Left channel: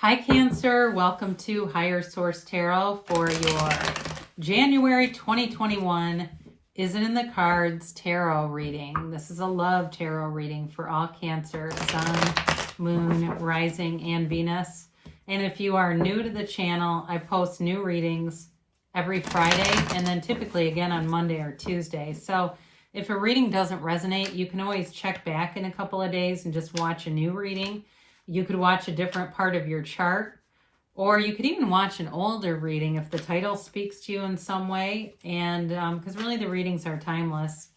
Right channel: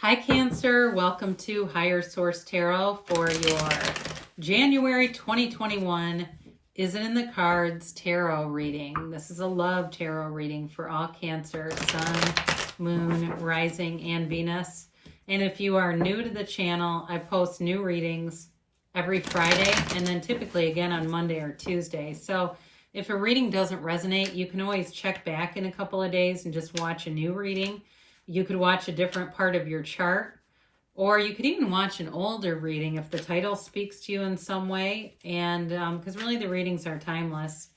Hi Cancer, welcome to Higher Source Tarot for your January 2021 Is It in the Cards tarot reading. This is a love tarot reading for all Cancer, Sun, Moon, Rising, and Venus. And if you are new to the channel, I post new readings every Friday and then typically again on Monday or Tuesday. So if a reading doesn't resonate, you can always check back in a couple of days and just watch a new reading. You could watch a different part of your chart, or you could even watch an older reading if the title speaks to you in some way, and because really the readings are timeless.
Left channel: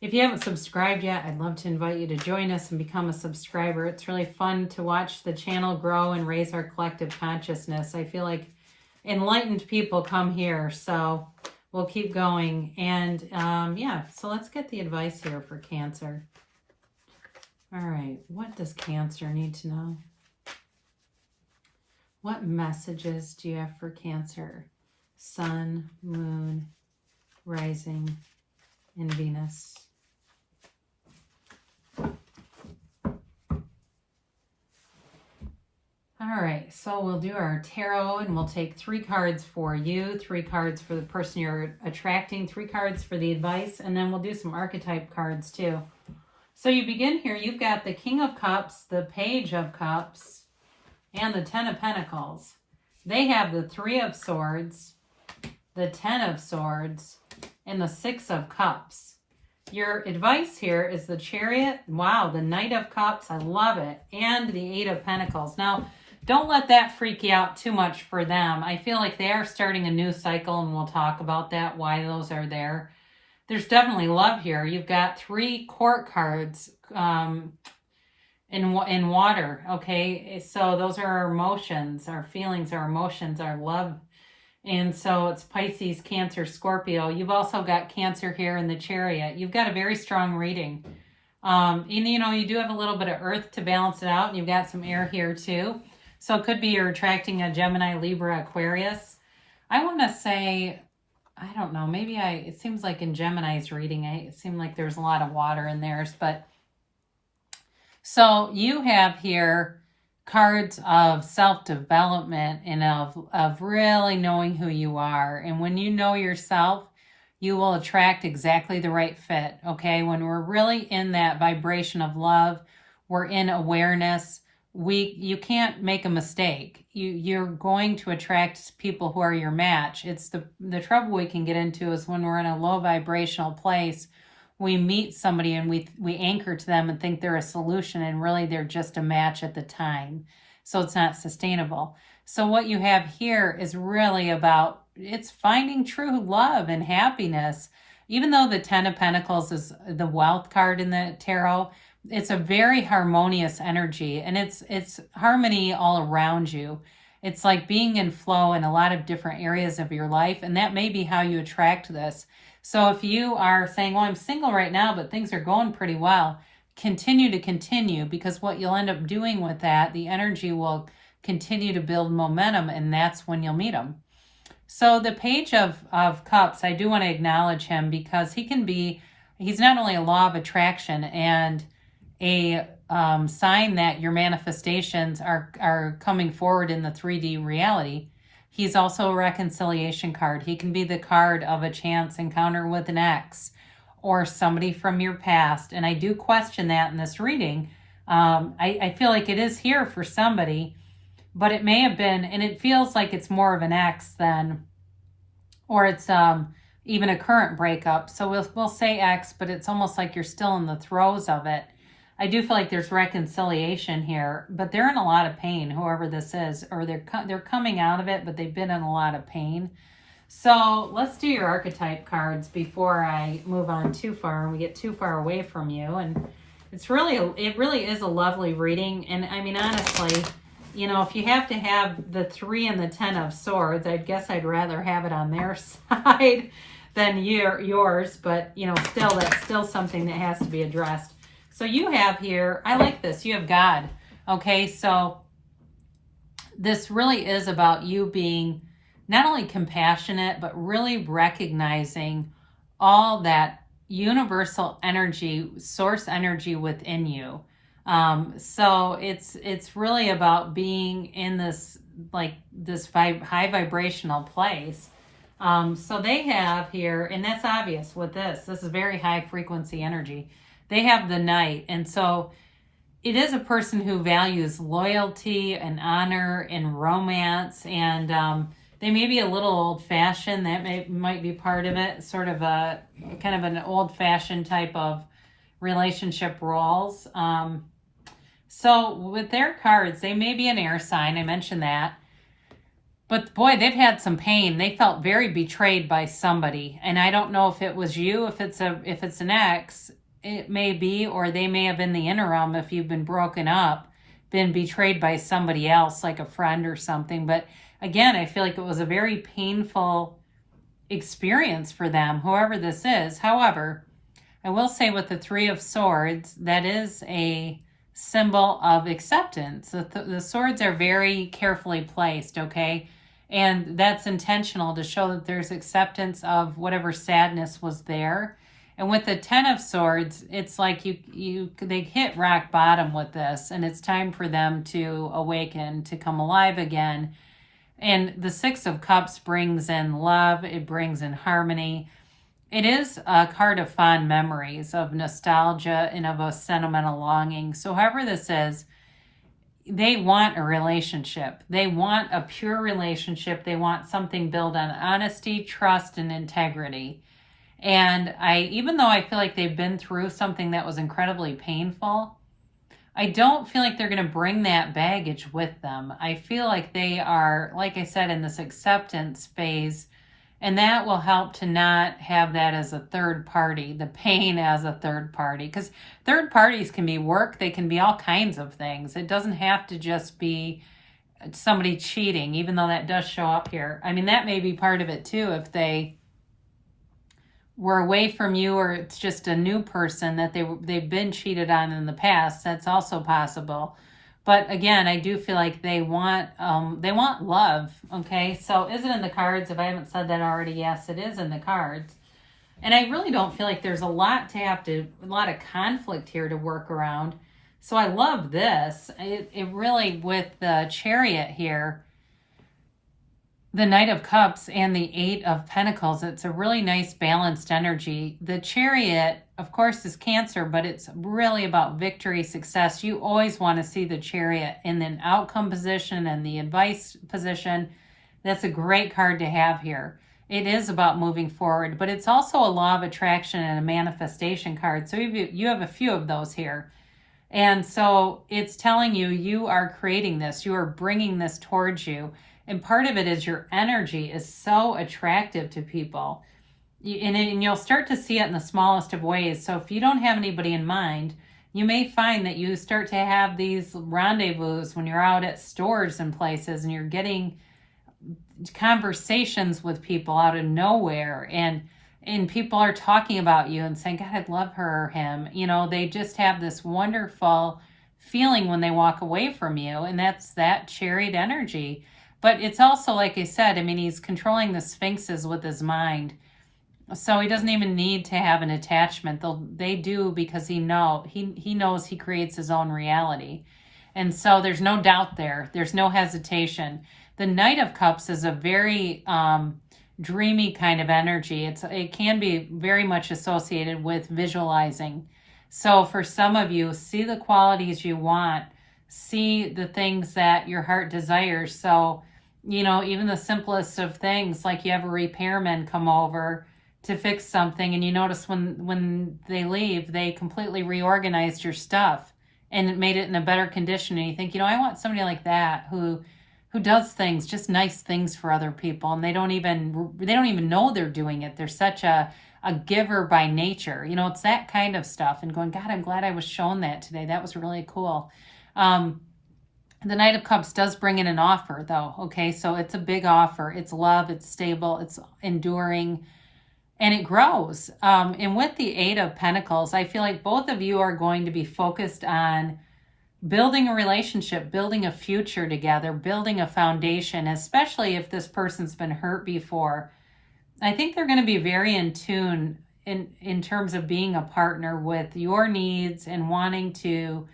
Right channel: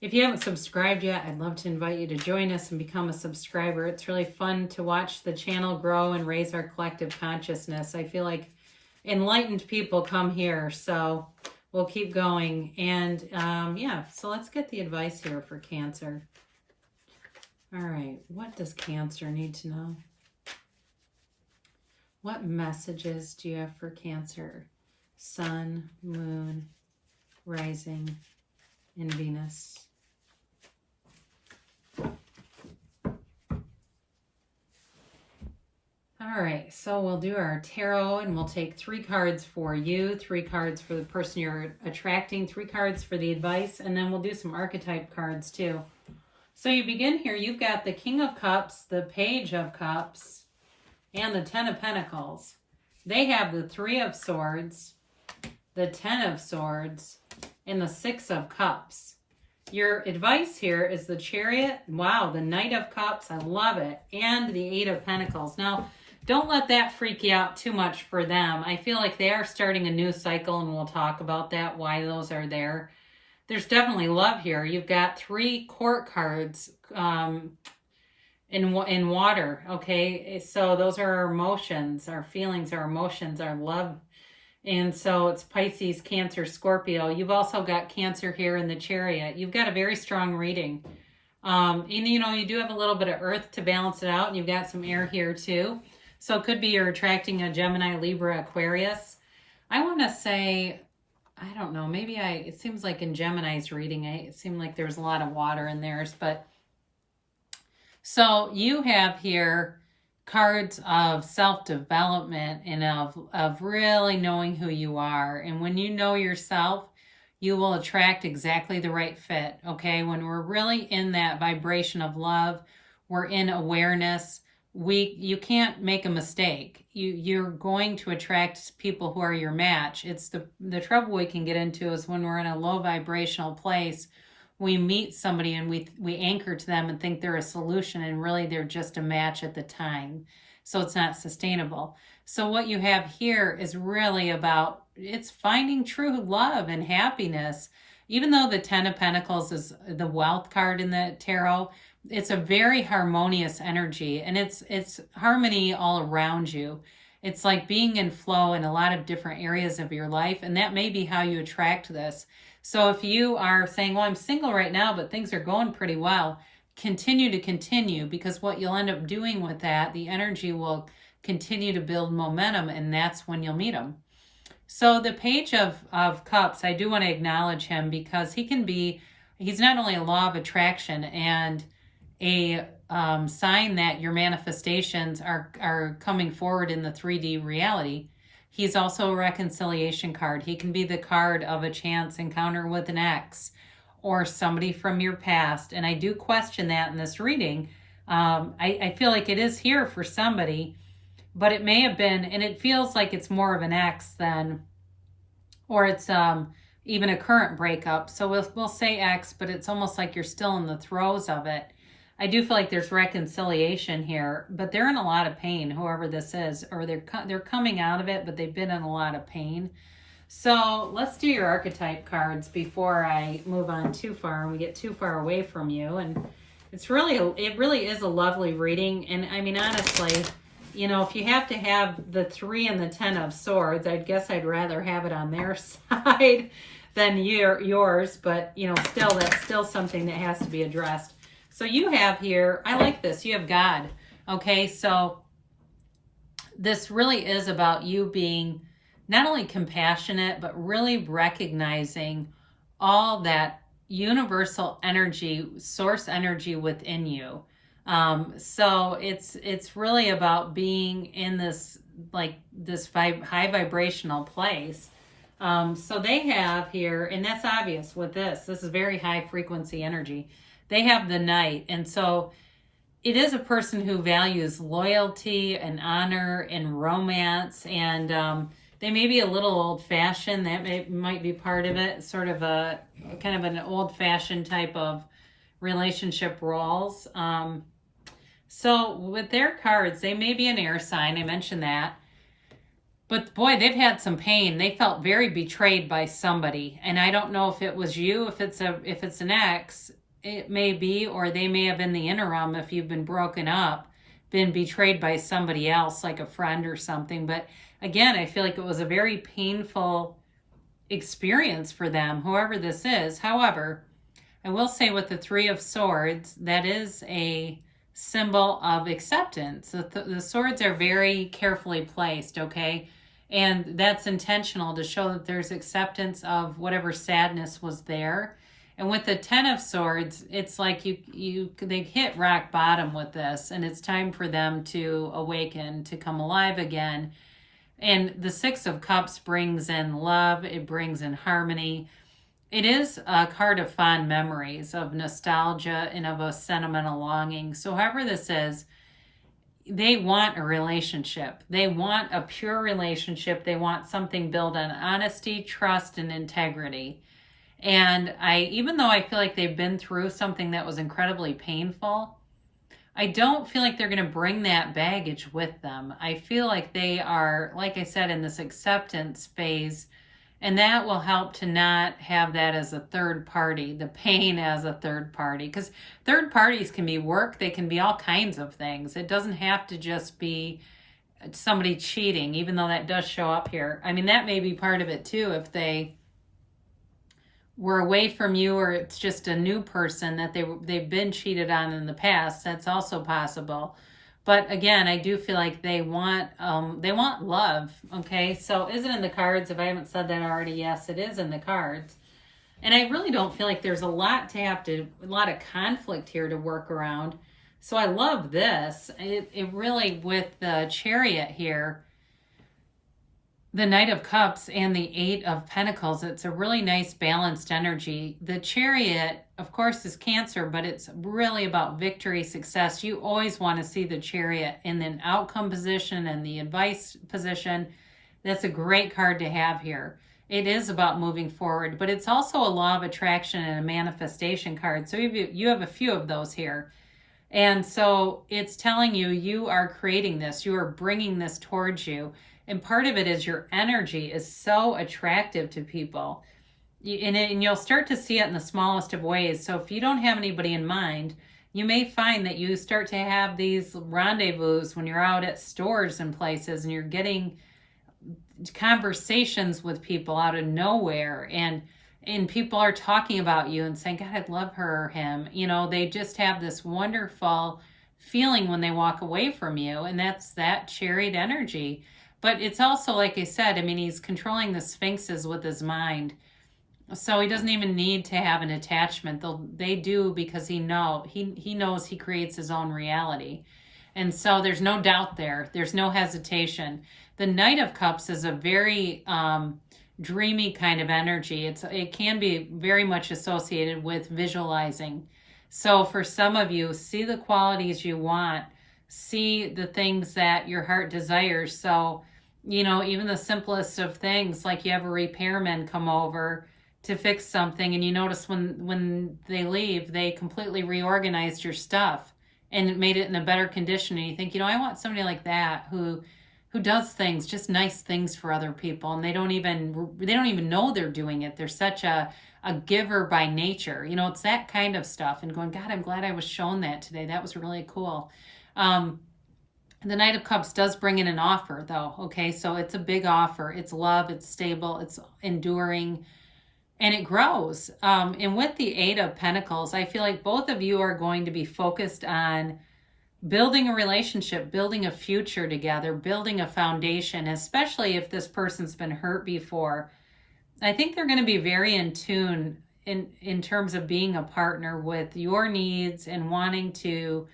If you haven't subscribed yet, I'd love to invite you to join us and become a subscriber. It's really fun to watch the channel grow and raise our collective consciousness. I feel like enlightened people come here, so we'll keep going. And yeah, so let's get the advice here for Cancer. All right, what does Cancer need to know? What messages do you have for Cancer? Sun, Moon, Rising, and Venus. All right, so we'll do our tarot and we'll take 3 cards for you, 3 cards for the person you're attracting, 3 cards for the advice, and then we'll do some archetype cards too. So you begin here, you've got the King of Cups, the Page of Cups, and the 10 of Pentacles. They have the 3 of Swords, the 10 of Swords, and the 6 of Cups. Your advice here is the Chariot. Wow, the Knight of Cups, I love it. And the 8 of Pentacles. Now, don't let that freak you out too much for them. I feel like they are starting a new cycle, and we'll talk about that, why those are there. There's definitely love here. You've got 3 court cards in water, okay? So those are our emotions, our feelings, our emotions, our love. And so it's Pisces, Cancer, Scorpio. You've also got Cancer here in the Chariot. You've got a very strong reading. You do have a little bit of earth to balance it out, and you've got some air here too. So it could be you're attracting a Gemini, Libra, Aquarius. I want to say, I don't know, it seems like in Gemini's reading, it seemed like there's a lot of water in theirs, but so you have here cards of self-development and of really knowing who you are. And when you know yourself, you will attract exactly the right fit, okay? When we're really in that vibration of love, we're in awareness, you can't make a mistake. You're going to attract people who are your match. It's the trouble we can get into is when we're in a low vibrational place, we meet somebody and we anchor to them and think they're a solution, and really they're just a match at the time. So it's not sustainable. So what you have here is really about, it's finding true love and happiness. Even though the 10 of Pentacles is the wealth card in the tarot, it's a very harmonious energy, and it's harmony all around you. It's like being in flow in a lot of different areas of your life, and that may be how you attract this. So if you are saying, well, I'm single right now, but things are going pretty well, continue, because what you'll end up doing with that, the energy will continue to build momentum, and that's when you'll meet them. So the Page of Cups, I do want to acknowledge him because he's not only a law of attraction and a sign that your manifestations are coming forward in the 3D reality. He's also a reconciliation card. He can be the card of a chance encounter with an ex or somebody from your past. And I do question that in this reading. I feel like it is here for somebody, but it may have been, and it feels like it's more of an ex than, or it's even a current breakup. So we'll say ex, but it's almost like you're still in the throes of it. I do feel like there's reconciliation here, but they're in a lot of pain, whoever this is, or they're coming out of it, but they've been in a lot of pain. So let's do your archetype cards before I move on too far and we get too far away from you. And it really is a lovely reading. And I mean, honestly, if you have to have the 3 and the 10 of Swords, I guess I'd rather have it on their side than yours, but still, that's still something that has to be addressed. So you have here, I like this, you have God, okay? So this really is about you being not only compassionate, but really recognizing all that universal energy, source energy within you. So it's really about being in this, like this high vibrational place. So they have here, and that's obvious with this. This is very high frequency energy. They have the Knight, and so it is a person who values loyalty and honor and romance, and they may be a little old fashioned. That might be part of it. Sort of a kind of an old fashioned type of relationship roles. So with their cards, they may be an air sign. I mentioned that. But boy, they've had some pain. They felt very betrayed by somebody. And I don't know if it was you, if it's an ex, it may be, or they may have in the interim, if you've been broken up, been betrayed by somebody else, like a friend or something. But again, I feel like it was a very painful experience for them, whoever this is. However, I will say with the Three of Swords, that is a symbol of acceptance. The swords are very carefully placed, okay? And that's intentional to show that there's acceptance of whatever sadness was there. And with the Ten of Swords, it's like they hit rock bottom with this, and it's time for them to awaken, to come alive again. And the Six of Cups brings in love, it brings in harmony. It is a card of fond memories, of nostalgia, and of a sentimental longing. So however this is, they want a relationship. They want a pure relationship. They want something built on honesty, trust, and integrity. And even though I feel like they've been through something that was incredibly painful, I don't feel like they're going to bring that baggage with them. I feel like they are, like I said, in this acceptance phase, and that will help to not have that as a third party, the pain as a third party. Because third parties can be work, they can be all kinds of things. It doesn't have to just be somebody cheating, even though that does show up here. I mean, that may be part of it too, if they were away from you, or it's just a new person that they've been cheated on in the past. That's also possible. But again, I do feel like they want love. Okay, so is it in the cards? If I haven't said that already, yes, it is in the cards. And I really don't feel like there's a lot of conflict here to work around. So I love this. It really, with the Chariot here, the Knight of Cups and the Eight of Pentacles, it's a really nice balanced energy. The Chariot, of course, is Cancer, but it's really about victory, success. You always want to see the Chariot in an outcome position and the advice position. That's a great card to have here. It is about moving forward, but it's also a law of attraction and a manifestation card. So you have a few of those here. And so it's telling you, you are creating this. You are bringing this towards you. And part of it is your energy is so attractive to people. And you'll start to see it in the smallest of ways. So if you don't have anybody in mind, you may find that you start to have these rendezvous when you're out at stores and places, and you're getting conversations with people out of nowhere. And people are talking about you and saying, God, I'd love her or him. You know, they just have this wonderful feeling when they walk away from you. And that's that Chariot energy. But it's also, like I said, I mean, he's controlling the sphinxes with his mind. So he doesn't even need to have an attachment. They do, because he knows he creates his own reality. And so there's no doubt there. There's no hesitation. The Knight of Cups is a very dreamy kind of energy. It can be very much associated with visualizing. So for some of you, see the qualities you want. See the things that your heart desires. So, you know, even the simplest of things, like you have a repairman come over to fix something, and you notice when they leave, they completely reorganized your stuff and it made it in a better condition. And you think, you know, I want somebody like that who does things, just nice things for other people, and they don't even know they're doing it. They're such a giver by nature. You know, it's that kind of stuff. And going, God, I'm glad I was shown that today. That was really cool. The Knight of Cups does bring in an offer, though. Okay, so it's a big offer. It's love, it's stable, it's enduring, and it grows. And with the Eight of Pentacles, I feel like both of you are going to be focused on building a relationship, building a future together, building a foundation, especially if this person's been hurt before. I think they're going to be very in tune in terms of being a partner with your needs and wanting to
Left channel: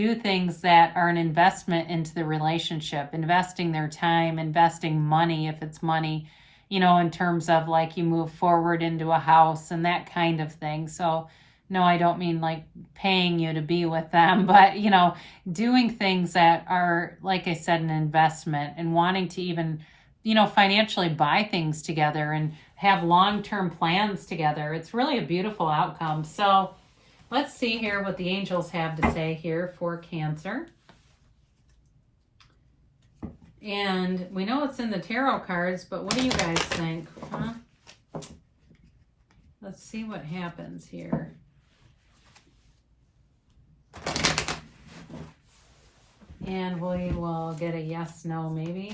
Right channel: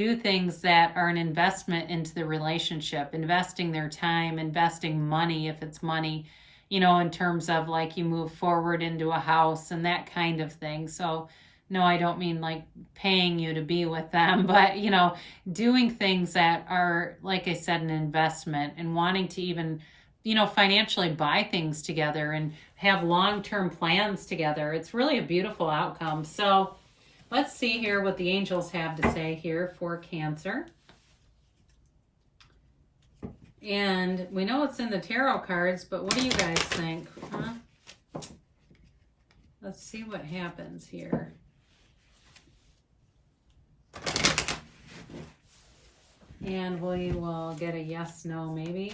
do things that are an investment into the relationship, investing their time, investing money if it's money, in terms of like you move forward into a house and that kind of thing. So, no, I don't mean like paying you to be with them, but, doing things that are, like I said, an investment and wanting to even, financially buy things together and have long-term plans together. It's really a beautiful outcome. So, let's see here what the angels have to say here for Cancer. And we know it's in the tarot cards, but what do you guys think? Huh? Let's see what happens here. And we will get a yes, no, maybe.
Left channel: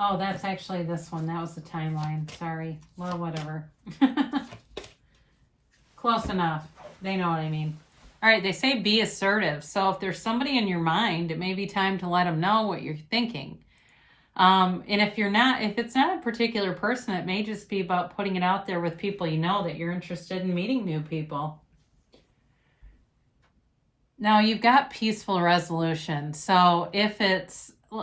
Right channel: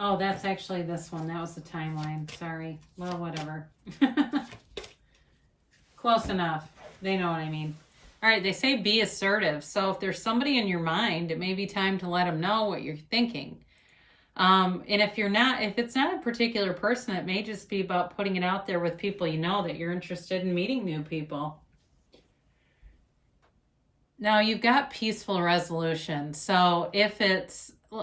Oh, that's actually this one. That was the timeline. Sorry. Well, whatever. Close enough. They know what I mean. All right, they say be assertive. So if there's somebody in your mind, it may be time to let them know what you're thinking. And if it's not a particular person, it may just be about putting it out there with people that you're interested in meeting new people. Now you've got peaceful resolution. So if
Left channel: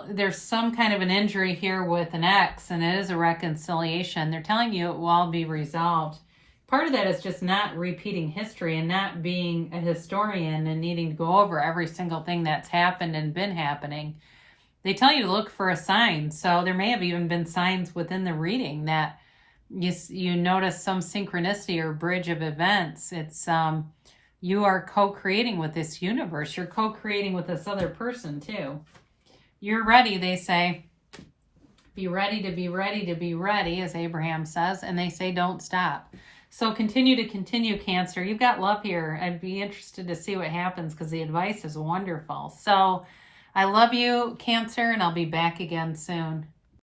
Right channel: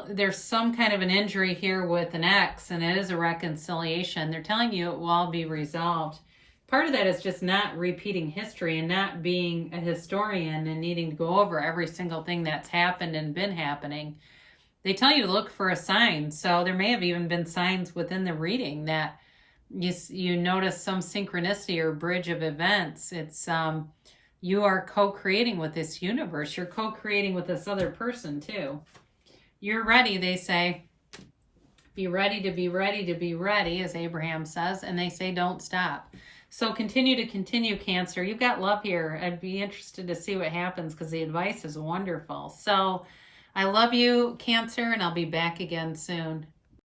there's some kind of an injury here with an ex and it is a reconciliation, they're telling you it will all be resolved. Part of that is just not repeating history and not being a historian and needing to go over every single thing that's happened and been happening. They tell you to look for a sign. So there may have even been signs within the reading that you notice some synchronicity or bridge of events. It's you are co-creating with this universe. You're co-creating with this other person too. You're ready, they say. Be ready to be ready to be ready, as Abraham says. And they say don't stop. So continue, Cancer. You've got love here. I'd be interested to see what happens because the advice is wonderful. So I love you, Cancer, and I'll be back again soon.